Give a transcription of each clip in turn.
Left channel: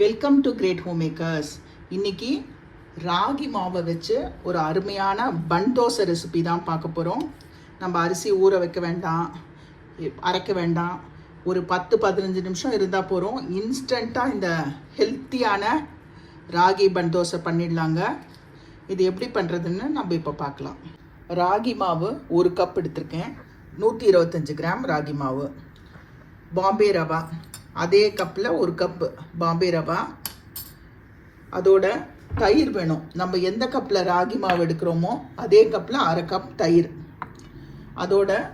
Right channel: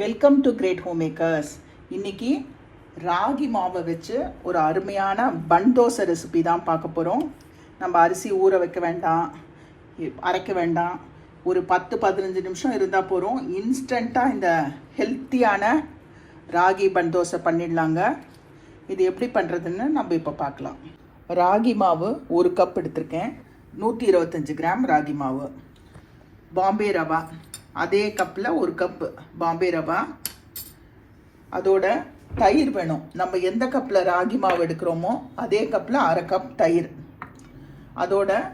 Welcome to great home makers இன்னைக்கு ராகி மாவை வச்சு ஒரு அருமையான பன் தோசை ரெசிபி தான் பார்க்க போகிறோம் நம்ம அரிசி ஊற வைக்க வேண்டாம் அரைக்க வேண்டாம். ஒரு பத்து பதினஞ்சு நிமிஷம் இருந்தால் போகிறோம் இன்ஸ்டண்ட்டாக இந்த ஹெல்த்தியான ராகி பன் தோசை பண்ணிடலாங்க. இது எப்படி பண்ணுறதுன்னு நம்ம இப்போ பார்க்கலாம். ராகி மாவு ஒரு கப் எடுத்திருக்கேன். நூற்றி இருபத்தஞ்சி கிராம் ராகி மாவு. பாம்பே ரவா. அதே கப்பில் ஒரு கப் பாம்பே ரவா. அதோட தயிர் வேணும். நம்ம எந்த கப்பில் ராகி மாவு எடுக்கிறோமோ அதே கப்பில் அரை கப் தயிர். அதோட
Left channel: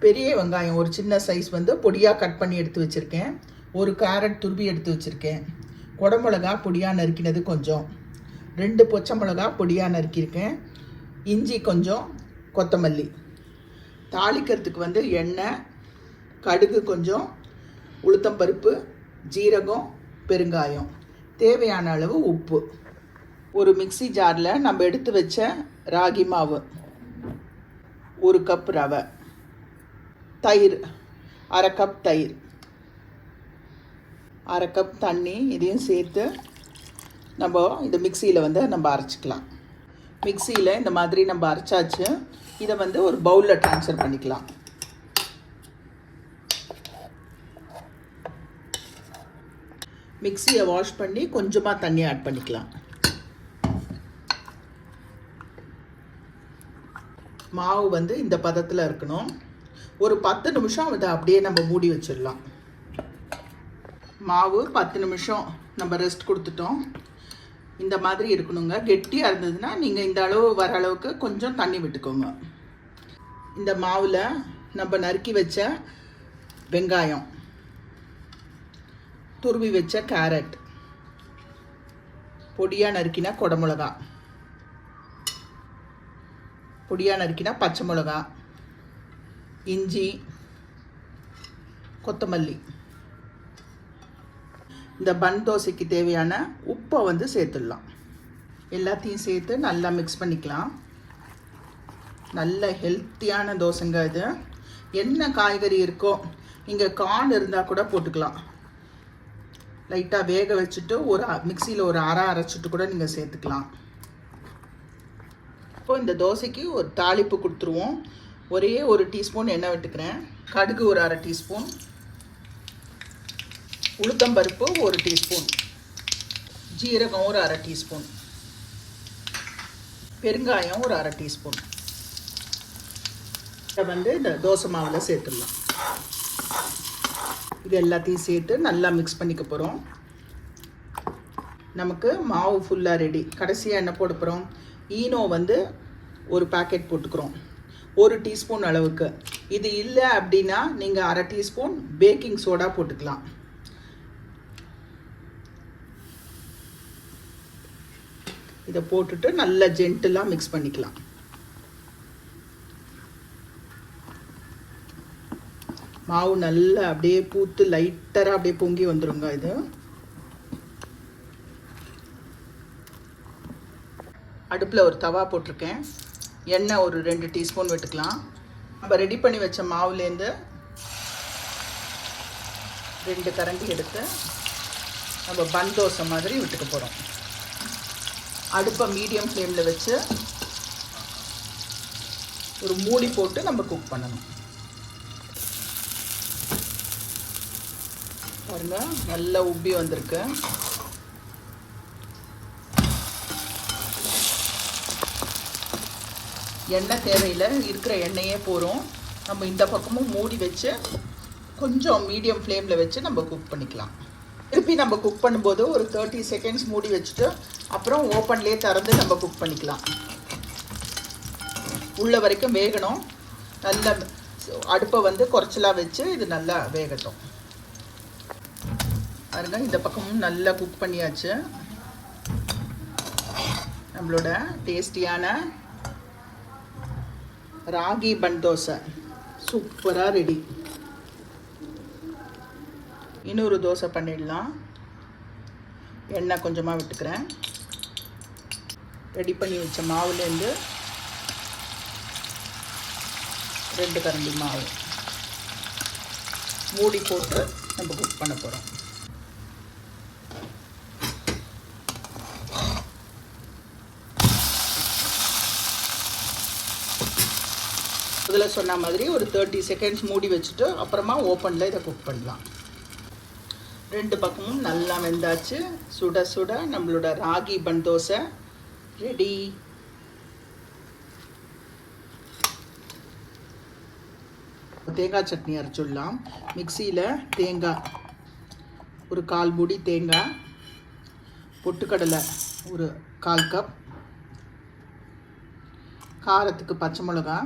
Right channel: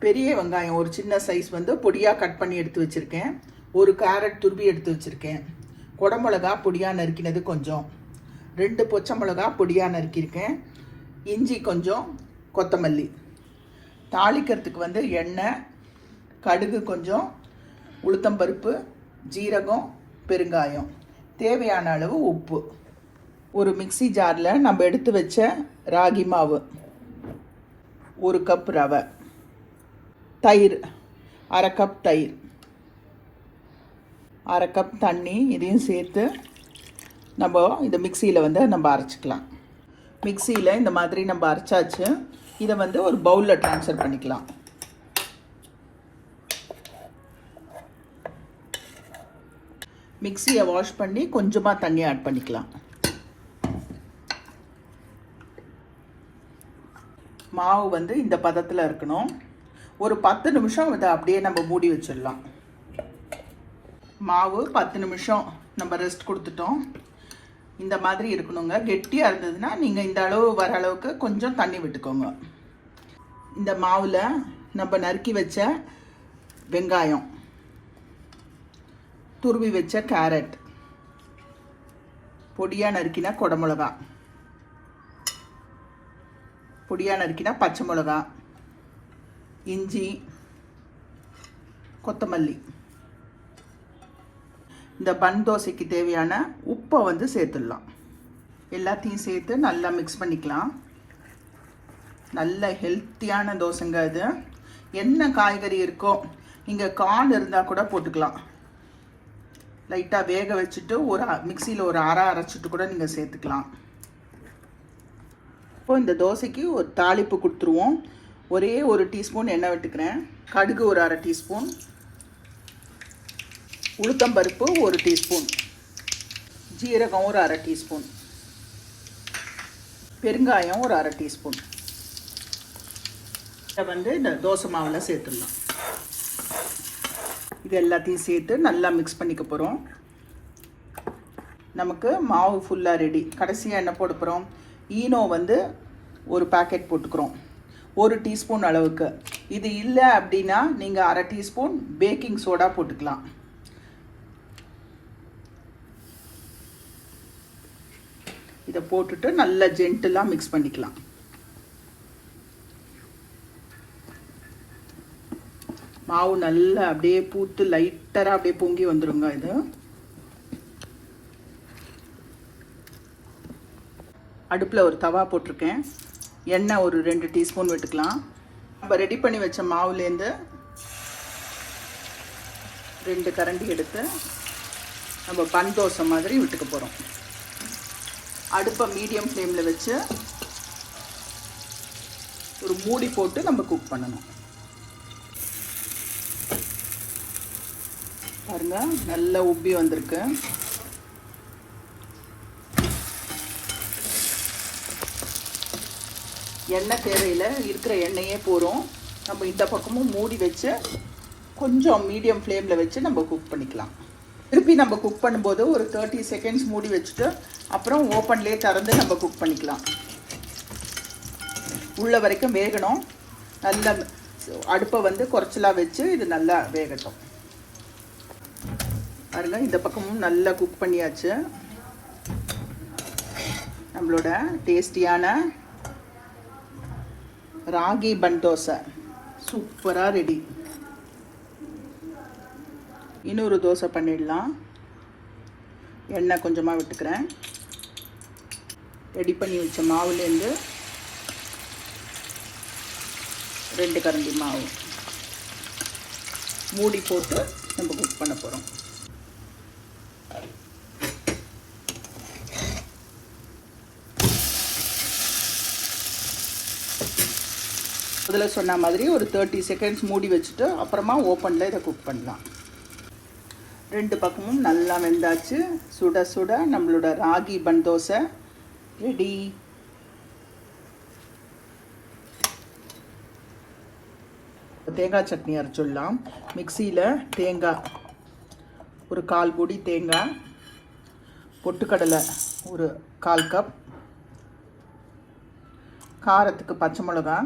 பெரிய வெங்காயம் ஒரு சின்ன சைஸ் வந்து பொடியாக கட் பண்ணி எடுத்து வச்சுருக்கேன். ஒரு கேரட் துருவி எடுத்து வச்சுருக்கேன். குடமிளகா பொடியாக நறுக்கினது கொஞ்சம். ரெண்டு பச்சை மிளகா பொடியாக நறுக்கியிருக்கேன். இஞ்சி கொஞ்சம் கொத்தமல்லி. தாளிக்கிறதுக்கு வந்து எண்ணெய் கடுகு கொஞ்சம் உளுத்தம்பருப்பு ஜீரகம் பெருங்காயம். தேவையான அளவு உப்பு. ஒரு மிக்ஸி ஜாரில் நம்ம எடுத்து வச்ச ராகி மாவு. ஒரு கப் ரவை. தயிர். அரை கப் தயிர். அரை கப் தண்ணி இதையும் சேர்த்து நம்ம இந்த மிக்சியில் வந்து நம்ம அரைச்சிக்கலாம். மிக்சியில் இந்த மாதிரி நம்ம அரைச்சாச்சு. இதை வந்து ஒரு பவுலில் ட்ரான்ஸ்ஃபர் பண்ணிக்கலாம். மிக்சியை வாஷ் பண்ணி கொஞ்சமாக தண்ணி ஆட் பண்ணிக்கலாம். மாவு வந்து இந்த பதத்தில் இருக்கணும். ஒரு பத்து நிமிஷம் இதை அப்படியே நம்ம மூடி வச்சிடலாம். மாவு பத்து நிமிஷம் நம்ம ரெஸ்ட் கொடுத்துட்டோம். இந்த மாதிரி இருக்கணுங்க. கெட்டியாக இருந்ததுன்னா நீங்கள் இந்த அளவு வர அளவுக்கு கொஞ்சம் தண்ணி விட்டுக்கோங்க. இந்த மாவில் நம்ம நறுக்கி வச்ச வெங்காயம். துருவி வச்ச கேரட் பொடியாக நறுக்கின குடமிளகா பொடியாக நறுக்கின பச்சை மிளகா. இஞ்சி கொத்தமல்லி. இந்த பன் தோசைக்கு தேவையான உப்பை வந்து சேர்த்துடலாம். எல்லாத்தையும் சேர்த்து நல்லா மிக்ஸ் பண்ணிக்கலாம். நல்ல ஹெல்த்தியான தோசைங்க இது. என்ன காய்கறி இருக்கோ இங்கே கார்ன் இருந்தால் கூட போட்டுக்கலாம். லைட்டாக வேக வச்சுட்டு ஒரு மிக்சியில் ஒரு அரை அரைச்சிட்டு கூட நீங்கள் சேர்த்துக்கலாம். இப்போ இந்த தோசைக்கு ஒரு தாளிப்பு கொடுத்துருவோம். ஒரே ஒரு டீஸ்பூன் எண்ணெய் விட்டுக்கிறேன். கடுகு ஒரு அரை டீஸ்பூன். உளுத்தம்பருப்பு ஒரு டீஸ்பூன். ஜீரகம் ஒரு அரை டீஸ்பூன். பெருங்காயம் ஒரு அரை டீஸ்பூன். இதை வந்து இந்த தோசை மாவில் சேர்த்துடலாம். இது எல்லாத்தையும் சேர்த்து நல்லா மிக்ஸ் பண்ணிக்க போகிறோம் நமக்கு மாவு ஃபுல்லாக ரெடி கடைசியாக என்ன போட போகிறோம் ஈனோ வந்து ஒரு பாக்கெட் போட்டுக்கிறோம். ஒரு டீஸ்பூன் அளவுக்கு. இது இல்லை அப்படின்னா நீங்கள் அரை டீஸ்பூன் பேக்கிங் சோடா போட்டுக்கலாம். இதை போட்டுட்டு நல்லா ஜென்டிலாக மிக்ஸ் பண்ணிக்கலாம். மாவு நல்லா அப்படியே பூத்து லைட்டராக அப்படியே பொங்கி வந்துருங்க இது. அடுப்பில் ஒரு தவா போட்டிருக்கேன். எண்ணெய் ஒரு ரெண்டு டீஸ்பூன் விட்டுக்கலாம். நம்ம ரெடி பண்ணி வச்ச மாவுலேருந்து ரெண்டு கரண்டி எடுத்து நம்ம பன் தோசை மாதிரி விட்டுக்க போகிறோம் அடுப்பை மீடியம் ஃப்ளேமில் வச்சு ஒரு மூடி போட்டு நம்ம குக் பண்ணணும். பாருங்க. நல்லா உப்பி வந்திருக்கு. எண்ணெய் தேவையில் இருக்கிற எண்ணெயே போகிறோம் நம்ம இந்த பக்கமும் மூடி வச்சு கொஞ்சம் மீடியம் ஃப்ளேமில் வச்சு நம்ம குக் பண்ணிக்கலாம். திருப்பி நம்ம குக் பண்ணும்போது ஒரு தேர்ட்டி செகண்ட்ஸ் மூடி வச்சுட்டு அப்புறம் ஓப்பன்லேயே திறந்து நம்ம குக் பண்ணிக்கலாம். உள்ள வரைக்கும் வேகணும். நல்ல அடுப்பை வந்து குறைச்சலாக வச்சு இது நல்லா வேகட்டும். பாருங்க இந்த பக்கமும் நல்லா குக் பண்ணியாச்சு. நம்மளோட டேஸ்டியான ராகி பன் தோசை. சூப்பராக ரெடி இன்னொரு தோசை பண்ணிடலாம். எண்ணெய் கொஞ்சமாக விட்டுக்கிறேன். ரெடி பண்ணி வச்ச மாவுலேருந்து ரெண்டு கரண்டி மாவு மூடி போட்டு நம்ம குக் பண்ண போகிறோம் முதல்ல சொன்ன மாதிரி ஒரு தேர்ட்டி செகண்ட்ஸ் மூடி வச்சுட்டு அப்புறமா ஓப்பனில் இதை குக் பண்ணலாம். ரெண்டு பக்கமும் நல்லா வெந்தாச்சு. சுட சுட நம்மளோட ராகி பன் தோசை ரெடி தேங்காய் சட்னி அரைச்சிடலாம். மிக்சியில் தேங்காய் ஒரு கால் மூடி தேங்காய் பொட்டுக்கடலை ஒரு கால் கப் காரத்துக்கு பச்சை மிளகா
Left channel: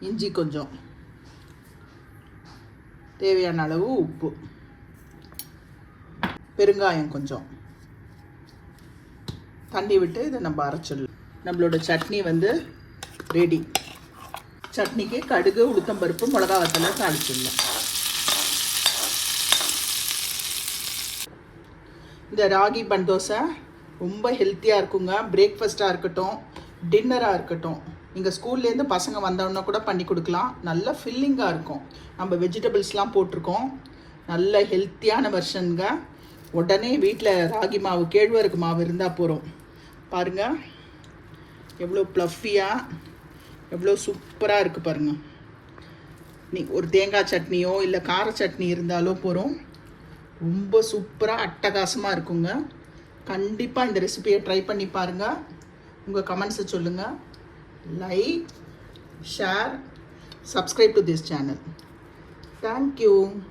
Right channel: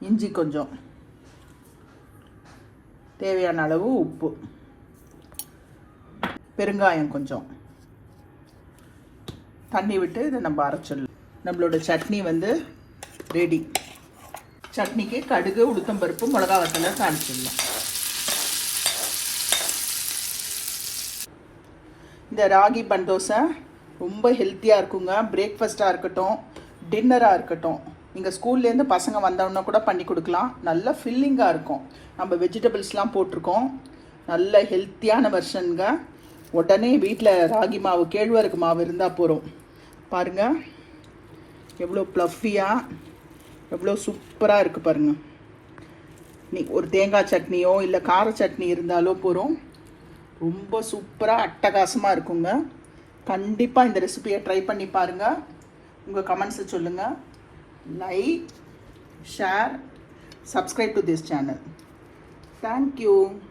இஞ்சி கொஞ்சம். தேவையான அளவு உப்பு. பெருங்காயம் கொஞ்சம். தண்ணி விட்டு இதை நம்ம அரைச்சிடலாம். நம்மளோட சட்னி வந்து ரெடி சட்னிக்கு கடுகு உளுத்தம்பருப்பு மிளகா வத்தலை தாளிச்சிடலாம் இந்த ராகி பண்டோசை ரொம்ப ஹெல்த்தியாக இருக்குங்க. பிரேக்ஃபாஸ்ட்டாக இருக்கட்டும் டின்னராக இருக்கட்டும். நீங்கள் ஸ்கூல்லேருந்து பசங்க வந்தோன்னா கூட பண்ணி கொடுக்கலாம். நல்லா ஃபில்லிங்காக இருக்கும். நம்ம வெஜிடபிள்ஸ்லாம் போட்டிருக்கோம். நல்ல ஹெல்த்தியான வெர்ஷனுங்க உடனே வீட்டில் ராகி மாவு கேழ்வரகு மாவு இருந்தால் போகிறோம் பாருங்கள் எவ்வளோ ப்ளஃபியாக எவ்வளோ சூப்பராக இருக்குது பாருங்கள் நீ ஒரு தேங்காய் சட்னியோ இல்லை கார சட்னி இருந்தாலோ போகிறோம் ரொம்ப சூப்பராக அட்டகாசமாக இருக்குங்க. கண்டிப்பாக இந்த ரெசிபியை ட்ரை பண்ணி பாருங்கள் உங்கள் கமெண்ட்ஸை சொல்லுங்கள் like share subscribe to this channel. Thank you.